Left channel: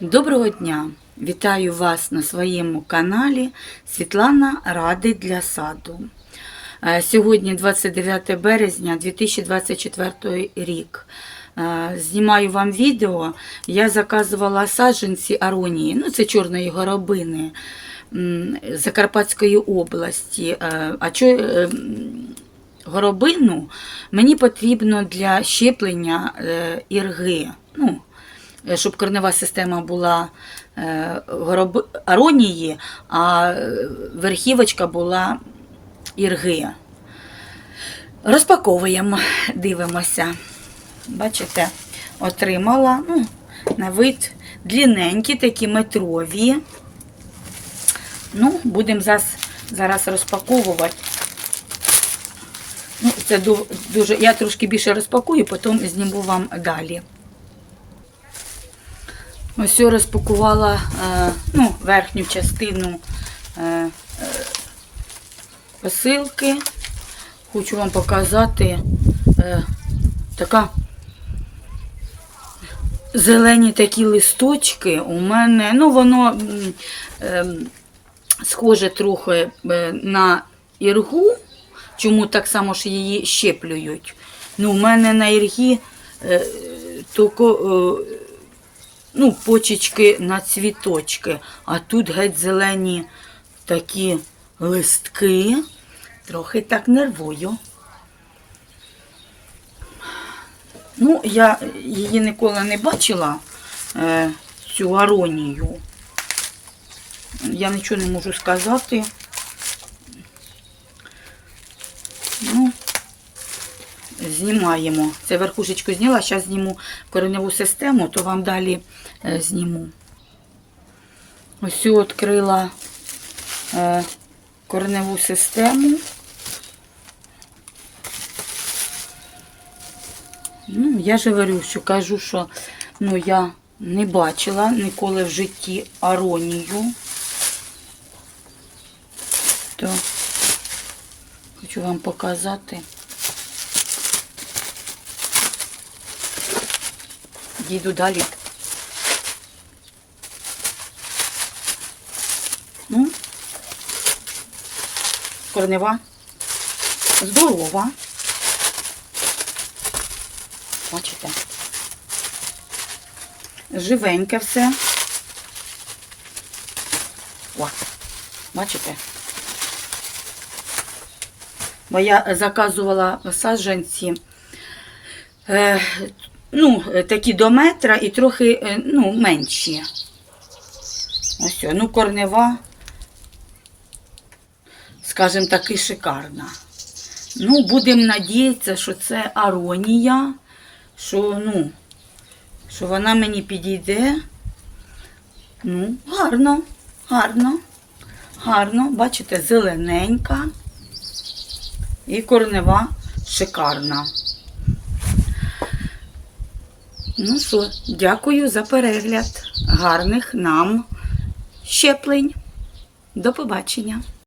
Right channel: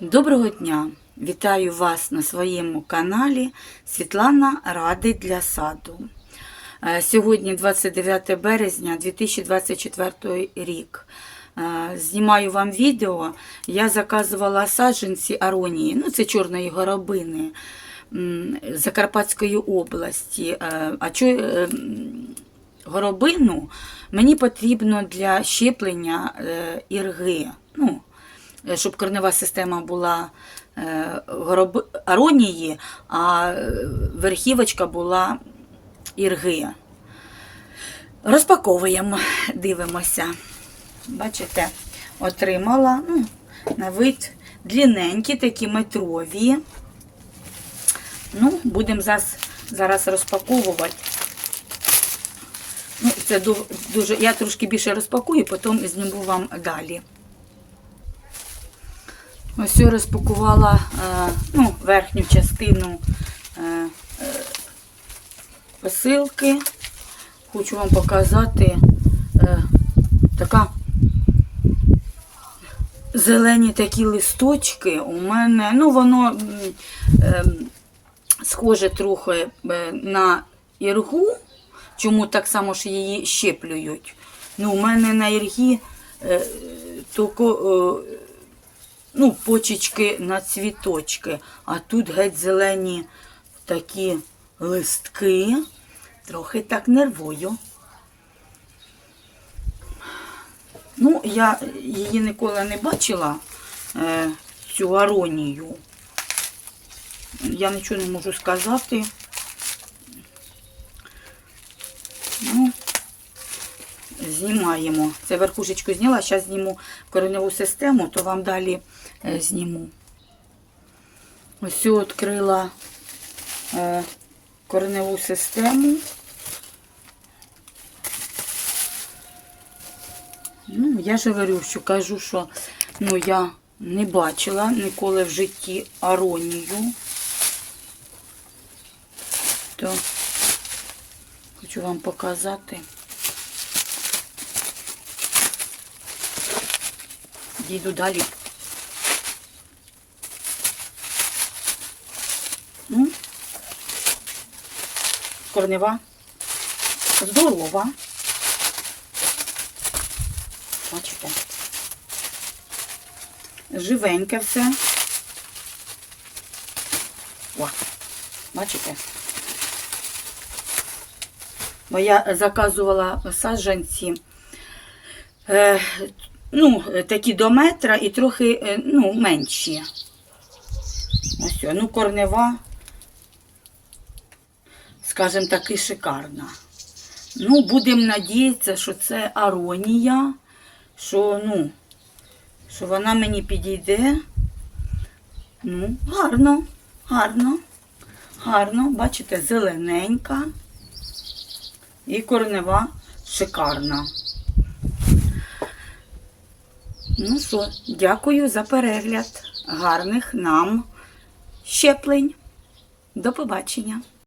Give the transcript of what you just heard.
Доброго дня! Вітаю вас на своєму каналі Світлана Ради для саду. Е, Сьогодні 29 березня 2024 рік. Е, Знімаю вам відео. Я заказувала саджанці аронії, ну це чорної горобини Закарпатської області. Е, А чо, горобину мені потрібно для щеплення ірги. Ну, щоб корнева система була е, аронії, а е, верхівочка була ірги. Розпаковуємо, дивимося. Бачите, отримала ну, на вид длинненькі, такі метрові. Ну, будемо зараз, зараз розпаковувати. Ну, це дуже. Я трошки більше розпакую, потім зніму вам далі. Ось розпакувала е, ну, верхню частину е, е, посилки. Хочу вам показати така зелені такі листочки у мене. Ну, воно схоже трохи на іргу. Чому так само ж її щеплюють? Ну, у мене на іргі тільки ну, почечки на цвіточки, а тут геть зелені такі листки. Трохи так нервую. Ну, я її ніколи не бачила, е, цю аронію. Я нічого не можу сказати. Ну, знімаємо. Це верхушечку зняла, зараз зніму кореневу систему, то вам далі е, зніму. Ось відкрила е, кореневу систему. Ну, я ж говорю, що кажу, що ну, я не бачила ніколи в житті аронію. То хочу вам показати. Дійду далі. Ну, корнева. Здорова. Бачите? Живеньке все. О, бачите? Бо я заказувала саджанці. Ну, е, такі до метра і трохи е, ну, менші. Ось, ну, корнева, скажімо таки, шикарна. Ну, будемо надіятися, що це аронія, що, ну, що вона мені підійде. Ну, гарно, гарно, гарно. Бачите, зелененька і корнева шикарна. Ну що, дякую за перегляд. Гарних нам щеплень. До побачення.